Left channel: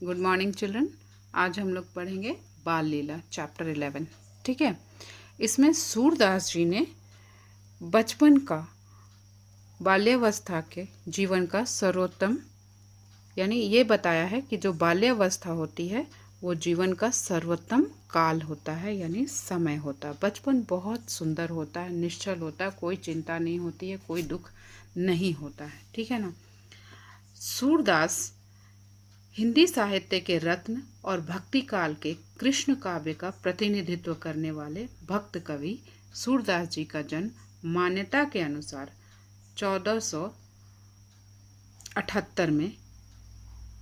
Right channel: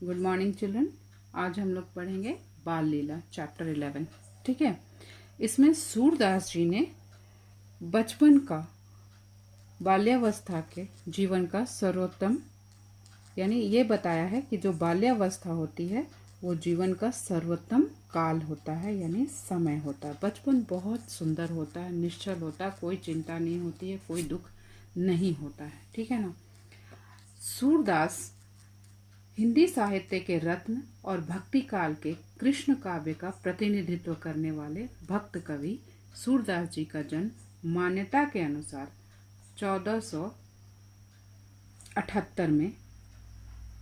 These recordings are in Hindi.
Good morning children. आज हम लोग पढ़ेंगे बाल लीला चैप्टर 11। ठीक है। इसमें सूरदास जी ने बचपन का, बाल्यावस्था के जीवन का सर्वोत्तम यानी ये बताया है कि जो बाल्यावस्था होती है वो जीवन का सर्वोत्तम काल होता है, यानी समय होता है। बचपन बहुत सुंदर होता है, निश्चल होता है, कोई चिंता नहीं होती है, कोई दुख नहीं होता है। ठीक है ना। सूरदास हिंदी साहित्य के रत्न और भक्ति काल के कृष्ण काव्य का प्रतिनिधित्व करने वाले भक्त कवि सूरदास जी का जन्म मान्यता के अनुसार 1478 में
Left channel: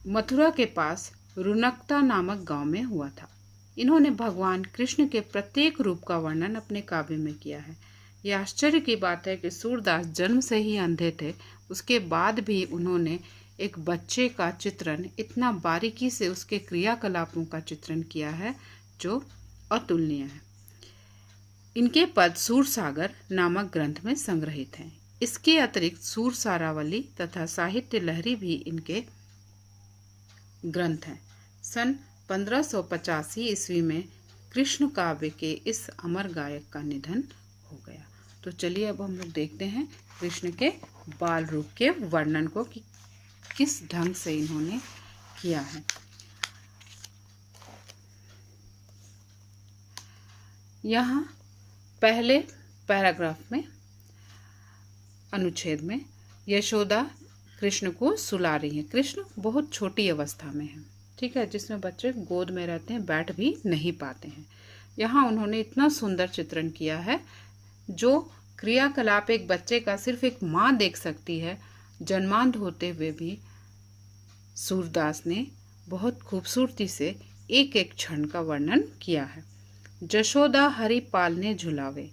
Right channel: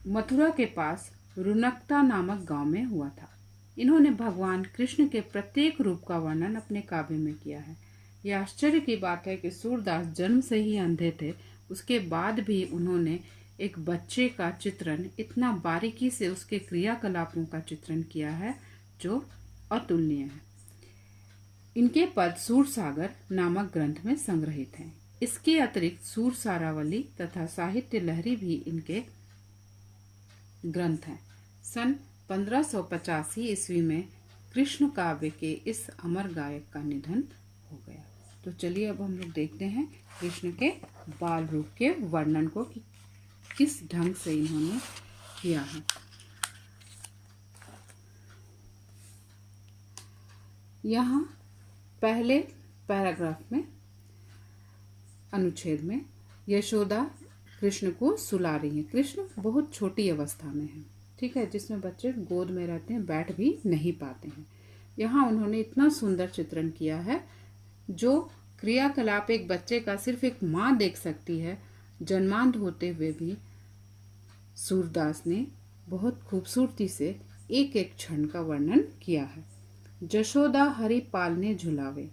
मथुरा के पास रुनकता नामक गांव में हुआ था। इन्होंने भगवान कृष्ण के प्रत्येक रूप का वर्णन अपने काव्य में किया है। यह आश्चर्य की बात है कि सूरदास जन्म से ही अंधे थे, उसके बाद भी उन्होंने एक बच्चे का चित्रण इतना बारीकी से, उसके क्रियाकलापों का चित्रण किया है जो अतुलनीय है। इनके पद सूरसागर नामक ग्रंथ में संग्रहित हैं। इसके अतिरिक्त सूरसारावली तथा साहित्य लहरी भी इनके ग्रंथ हैं। सन 1585 ईस्वी में कृष्ण काव्य के इस अमर गायक का निधन हो गया। तो चलिए अब हम लोग देखते हैं कृष्ण के बाल रूप के वर्णन को कि किस ढंग से इन्होंने किया है। यहाँ पहले पैराग्राफ में, अनुच्छेद में, यशोदा कृष्ण को सुला रही है। कृष्ण बहुत छोटी अवस्था में है, ठीक है, जिसमें बच्चे गोद में रहते हैं, बैठ भी नहीं पाते हैं। यहाँ उन्होंने इतना सुंदर चित्रण किया है, जो क्रियाकलाप एक बच्चे का सिर्फ एक माँ देख सकती है, जन्मांध होते हुए भी सूरदास ने बहुत खूबसूरती से एक एक क्षण का वर्णन किया है। जशोदा हरि पालने झुलावे,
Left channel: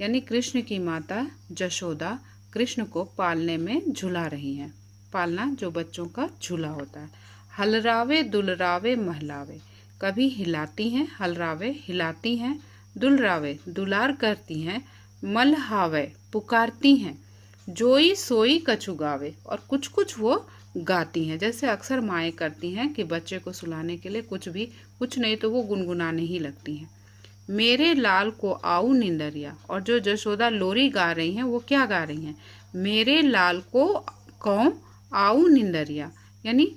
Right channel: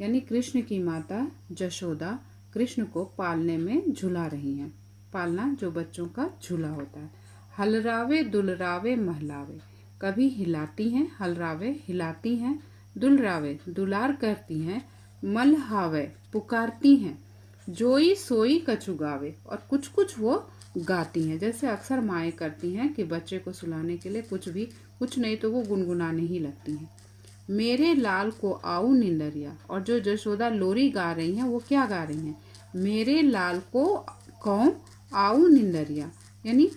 यानी कृष्ण की माता जशोदा कृष्ण को पालने में झुला रही हैं। पालना जो बच्चों का झूला होता है। हलरावे दुलरावे महलावे, कभी हिलाती हैं, हलरावे हिलाती हैं, दुलरावे दुलार करती हैं, मलहावे पुकारती हैं, जोई सोई कछुगावे, और कुछ कुछ वो गाती हैं। जैसे अक्सर माएँ करती हैं कि बच्चे को सुलाने के लिए कुछ नहीं तो वो गुनगुनाने ही लगती हैं। मेरे लाल को आऊ निंदरिया, और जो जशोदा लोरी गा रही हैं वो क्या गा रही हैं? मेरे लाल को कौं आऊ निंदरिया, यानी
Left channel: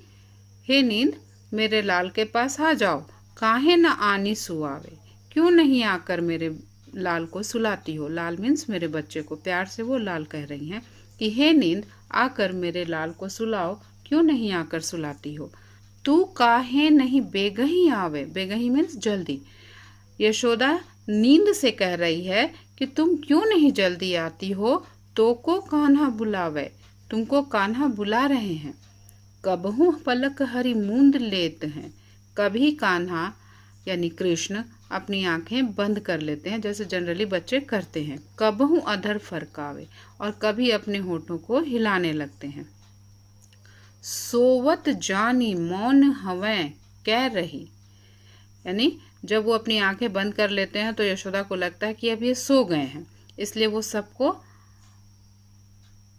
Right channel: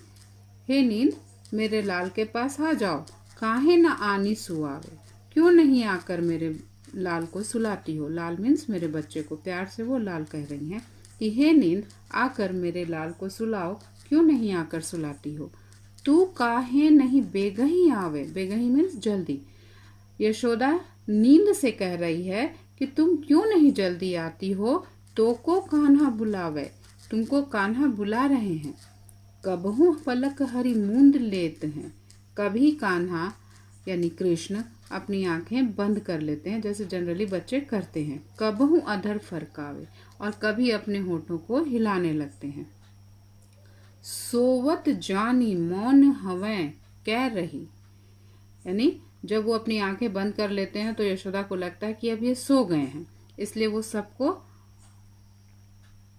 हे नींद मेरे लाल के पास आ जाओ, काहे न आनी सुआवे, क्यों नहीं आकर मेरे लाल को सुलाती हो। लाल मीन्स मेरे बच्चे को, प्यार से वो लाल कह रही हैं कि हे नींद आकर मेरे लाल को सुलाओ, क्यों नहीं आकर सुलाती हो। तू काहे नहीं बेगही आवे, बेगही मीन्स जल्दी। यशोदा नींद से कह रही है कि तुम क्यों नहीं जल्दी आती हो, तो को कान्हा बुलावे, तुमको कान्हा बुला रहे हैं। कबहू पलक हरि मूंद लेते हैं, कभी कान्हा यानी कृष्ण अपनी आंखें बंद कर लेते हैं, जैसे जनरली बच्चे करते हैं। कबहू अधर फरकावे, और कभी अपने होठों को हिलाने लगते हैं। सोवत जानी मौन हवें कह रही, यानी जब वो अपनी आंखें बंद कर लेते हैं तो यशोदा को लगता है कि अब ये सो गए हैं, इसलिए वो सबको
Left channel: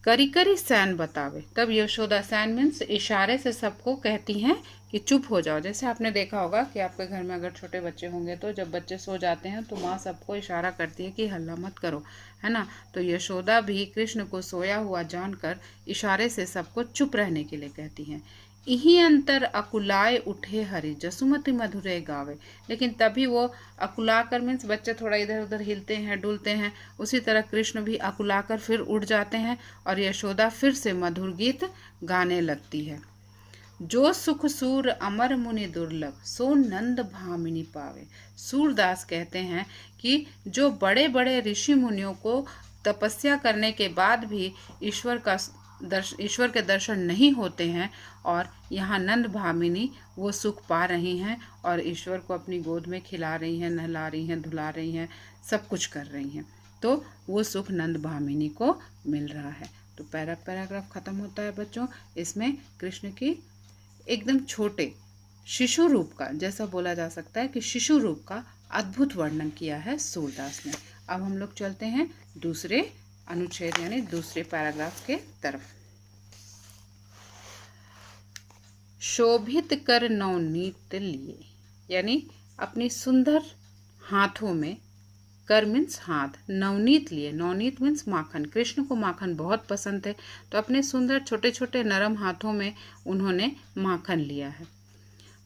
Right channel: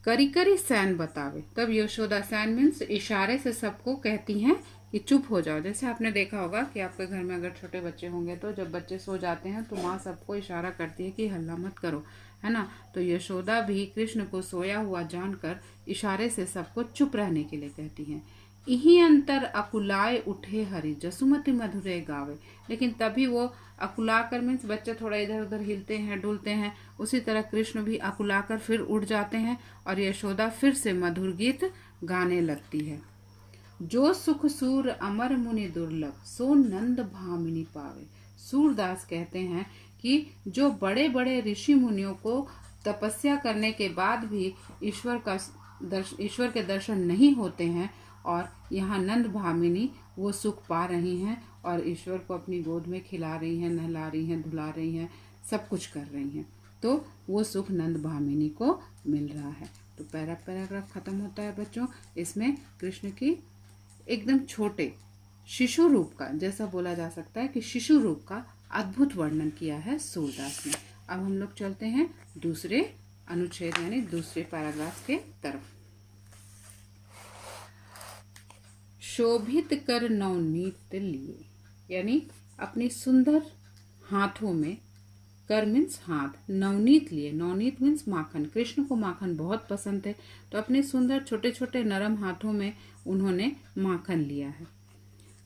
करी करी सैन बतावे। तब यशोदा, सैन मीन्स इशारे से सबको कहती हैं कि चुप हो जाओ। जैसे आपने देखा होगा कि आपके घर में अगर छोटे बच्चे होंगे तो जब बच्चे सो जाते हैं तो माँ सबको इशारा करती है कि हल्ला मत करो, है ना। तो यशोदा भी कृष्ण को सोया हुआ जानकर इशारे से सबको चुप रहने के लिए कहती हैं। इही अंतर अकुलाए उठे हरि, जसुमति मधुरे गावे, लेकिन तभी वो अकुलाकर मीन्स बच्चे थोड़ा इधर उधर हिलते हैं, डुलते हैं, उसी तरह कृष्ण भी अकुलाकर फिर उठ जाते हैं और यशोदा फिर से मधुर गीत गाने लगती है। जो सुख सूर अमर मुनि दुर्लभ, सो नंद भामिनी पावे। सूरदास कहते हैं कि जो बड़े बड़े ऋषि मुनियों को तपस्या करने के बाद भी ईश्वर के दर्शन नहीं होते हैं, और यहाँ नंद भामिनी वो सुख पा रही हैं और ईश्वर को अपनी गोद में खिला रही हैं, नहला रही हैं, धुला रही हैं, सब कुछ कर रही हैं, तो वो सुख नंद भामिनी को मिल रहा है। तो पैराग्राफ खत्म होता है बच्चों। इसमें कृष्ण की एकदम छोटे शिशु रूप का, जैसा बोला जा सकता है कि शिशु रूप का अद्भुत वर्णन किया है सूरदास ने। अब हम लोग चलते हैं दूसरे अनुच्छेद यानी दूसरे पैराग्राफ के तरफ। शोभित कर नवनीत लिए, यानी अपनी सुंदर हाथों में, कर मीन्स हाथ, नवनीत लिए, नवनीत मीन्स माखन, कृष्ण को माखन बहुत पसंद है, तो अपने सुंदर छोटे छोटे नरम हाथों में उन्होंने माखन लिया है।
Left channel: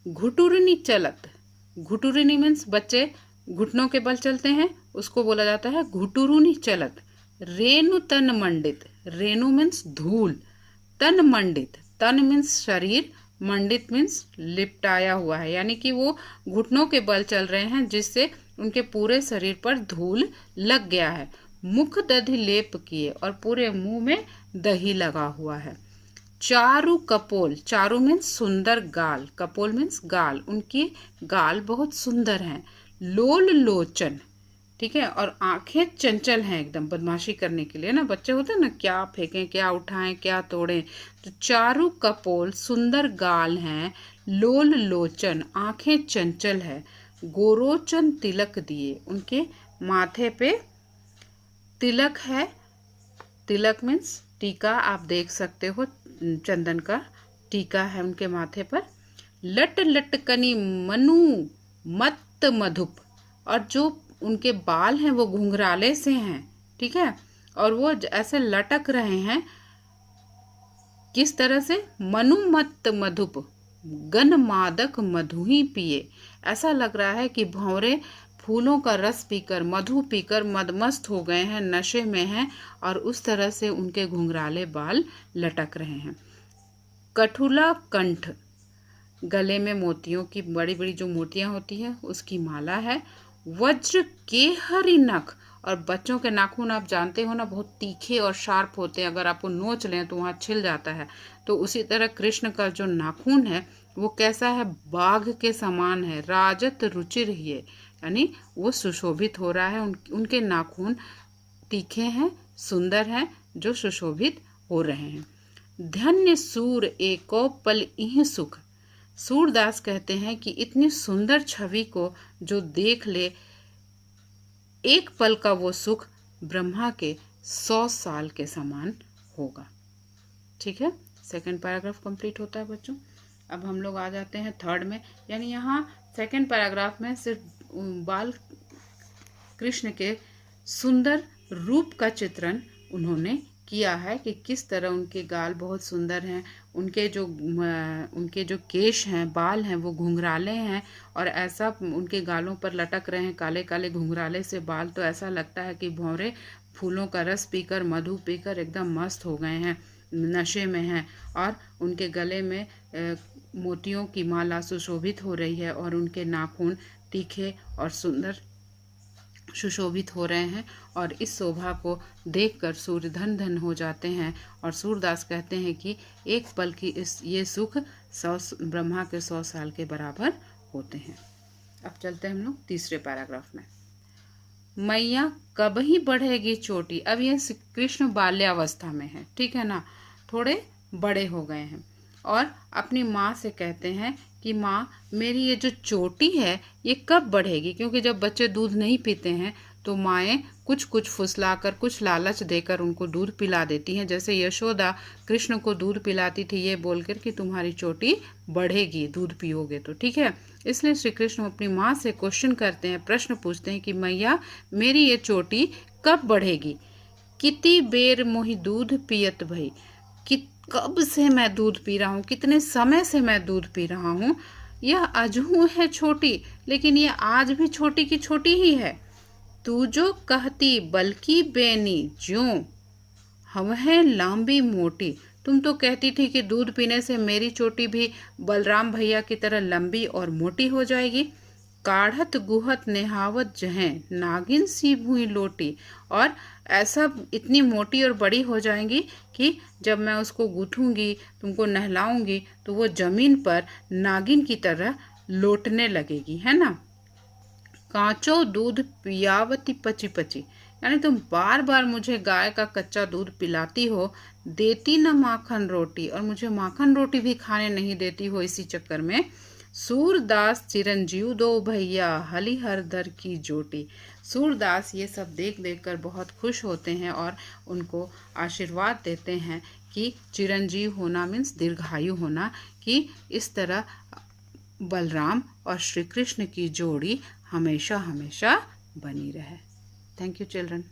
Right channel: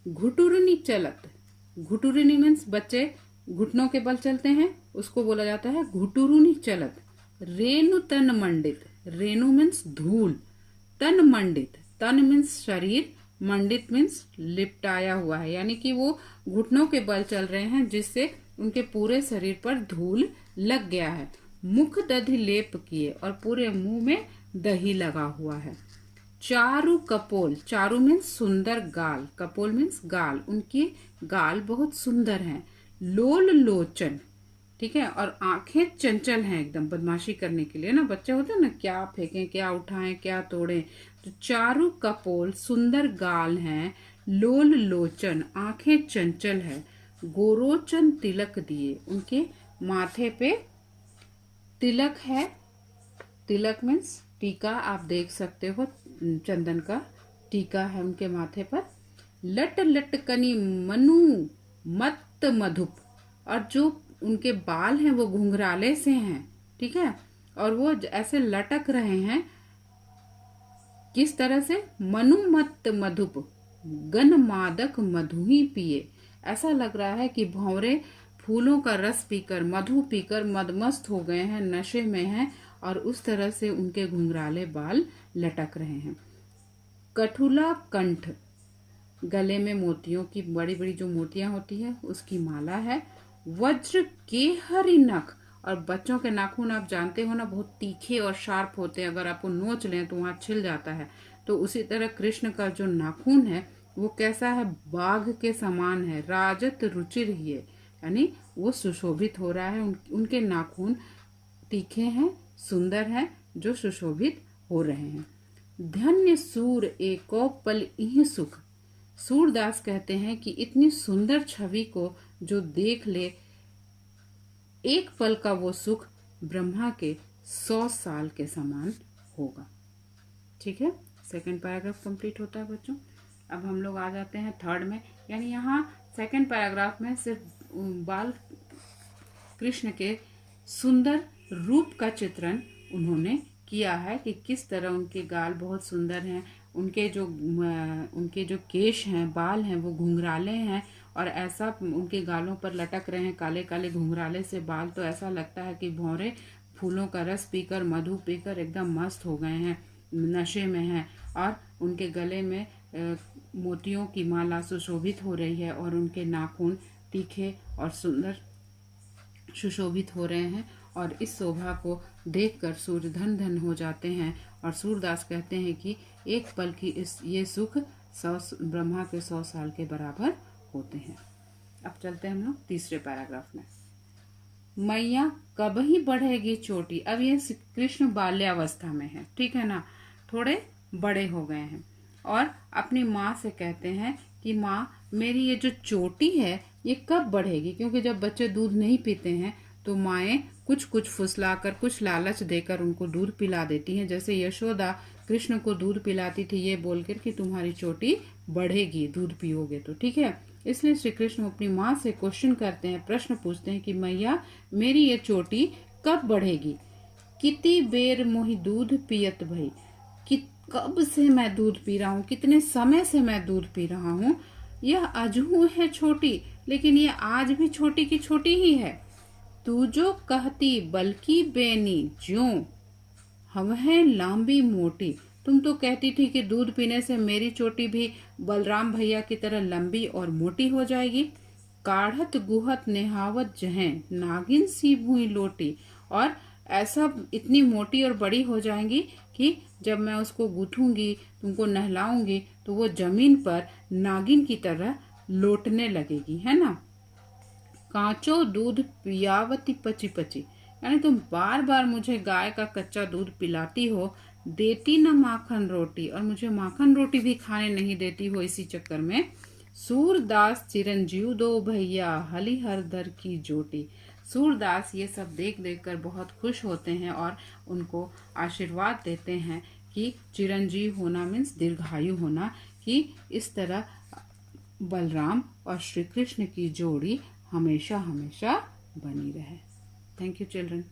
घुटुरनी चलत, घुटुरनी मीन्स बच्चे घुटनों के बल चलते हैं, उसको बोला जाता है घुटुरुनी चलत। रेणु तन मंडित, रेणु मीन्स धूल, तन मंडित, तन मीन्स शरीर, मंडित मीन्स लिपटाया हुआ है, यानी कि वो घुटनों के बल चल रहे हैं जिससे उनके पूरे शरीर पर धूल लग गया है। मुख दधि लेप किए, और पूरे मुंह में दही लगा हुआ है। चारु कपोल, चारु मीन्स सुंदर गाल, कपोल मीन्स गाल, उनकी गाल बहुत सुंदर हैं। लोल लोचन, ठीक है, और आंखें चंचल हैं एकदम, बदमाशी करने के लिए ना, बच्चे होते हैं ना, क्या फेंकें, क्या उठाएं, क्या तोड़ें। तो चारु कपोल, सुंदर गाल हैं। लोल लोचन, आंखें चंचल है। गोरोचन तिलक दिए, उनके माथे पे तिलक है। तिलक मीन्स टीका, आप देख सकते हो, चंदन का टीका है उनके माथे पर। लट लटकनी मनु मत मधुप, और जो उनके बाल हैं वो घुंघराले से हैं, ठीक है, और वो ऐसे लटक रहे हैं, किस तरह से, मनुमत मधुप, गन मादक मधु ही पिए, ऐसा लग रहा है कि भंवरे फूलों का रस पीकर, मधु पीकर मदमस्त हो गए हैं, नशे में हैं, और उस तरह से उनके घुंघराले बाल लटक रहे हैं। कठुला कंठ, गले में मोतियों की बड़ी बड़ी जो मोतियां होती है उसकी माला है। वज्र के हरि नख, और बच्चों के नाखून आप जानते हो ना, बहुत तीखे और शार्प होते हैं, अगर आपको नोच लें तो वहाँ छिल जाता है। तो उसी तरह कृष्ण का जो नाखून है वो कैसा है, बाघ के समान है। राजत रुचिर ही है, यानी वो सुशोभित हो रहा है, उनके नाखून तीखे हैं, सुंदर हैं, जो सुशोभित हो रहे हैं। धन्य सूर एको पल इह सुख, सूरदास कहते हैं कि इतनी सुंदर छवि को जो देख ले, एक पल का वो सुख ब्रह्मा के 100 साल के समान होगा। ठीक है, सेकंड पैराग्राफ कंप्लीट होता है बच्चों। अब हम लोग आ जाते हैं थर्ड में, यानी यहाँ सेकंड पैराग्राफ में सिर्फ बाल कृष्ण के सुंदर रूप का चित्रण उन्होंने किया है कि किस तरह उनके गाल बहुत सुंदर हैं, उनके जो केश हैं, बाल हैं, वो घुंघराले हैं, और ऐसा उनके गालों पर लटक रहे हैं काले काले घुंघराले से बाल, तो ऐसा लगता है कि भौरे फूलों का रस पीकर, मधु पीकर एकदम मस्त हो गए हैं, नशे में हैं, और उनके गले में मोतियों की माला सुशोभित हो रही है, और उनके नाखून तीखे और सुंदर सुशोभित हो रहे हैं, और इस शोभा को देखकर सूर्य धन धन हो जाते हैं। और सूरदास कहते हैं कि एक पल की ये सुख ब्रह्मा के 100 साल के बराबर होते हैं। अब चलते हैं हम लोग तीसरे पैराग्राफ में। मैया कब ही बढ़ेगी चोटी, अब ये कृष्ण बाल्यावस्था में है, ठीक है ना, थोड़े बड़े हो गए हैं, और अपनी माँ से कहते हैं कि माँ मेरी ये जो चोटी है ये कब बढ़ेगी, क्योंकि जब बच्चे दूध नहीं पीते हैं तो माएँ कुछ कुछ फुसलाकर, कुछ लालच देकर उनको दूध पिला देती हैं। जैसे यशोदा कृष्ण को दूध पिलाती थी ये बोलकर कि तुम्हारी चोटी बढ़ेगी दूध पियोगे तो, ठीक है। इसलिए श्री कृष्ण अपनी माँ से क्वेश्चन करते हैं, प्रश्न पूछते हैं कि मैया मेरी ये चोटी कब बढ़ेगी। कितनी बेर मोहि दूध पियत भई, कि कब से मैं दूध पी रहा हूँ, कितने समय से मैं दूध पी रहा हूँ, यह अजहू है छोटी, लेकिन ये आज भी छोटी की छोटी ही है। तू जो कहती बल्कि बेनी ज्यों हम है लंबी मोटी, तुम तो कहती थी कि दूध पीने से मेरी चोटी भी बलराम भैया की तरह लंबी और मोटी हो जाएगी। काढ़त गुहत नेहावत जहें नागिन सी भूई लोटी, और ऐसा इतनी मोटी और बड़ी हो जाएंगी कि जब मैं उसको गूंथूंगी, तुमको नहलाऊंगी, तो वो जमीन पर नागिन की तरह लोटने लगेगी, है ना। कांचो दूध पियावती पची पची, यानी तुम बार बार मुझे गाय का कच्चा दूध पिलाती हो, देती न माखन रोटी, और मुझे माखन रोटी भी खाने नहीं देती हो इसी चक्कर में। सूरदास चिरंजीव दो भैया हलिहर दर की जोटी, सूरदास ये सब देख देख कर बहुत खुश होते हैं और उनको आशीर्वाद देते हैं कि चिरंजीव होना मीन्स दीर्घायु होना, कि इस तरह बलराम और श्री कृष्ण की जोड़ी हमेशा हमेशा बनी रहे। Thank you children.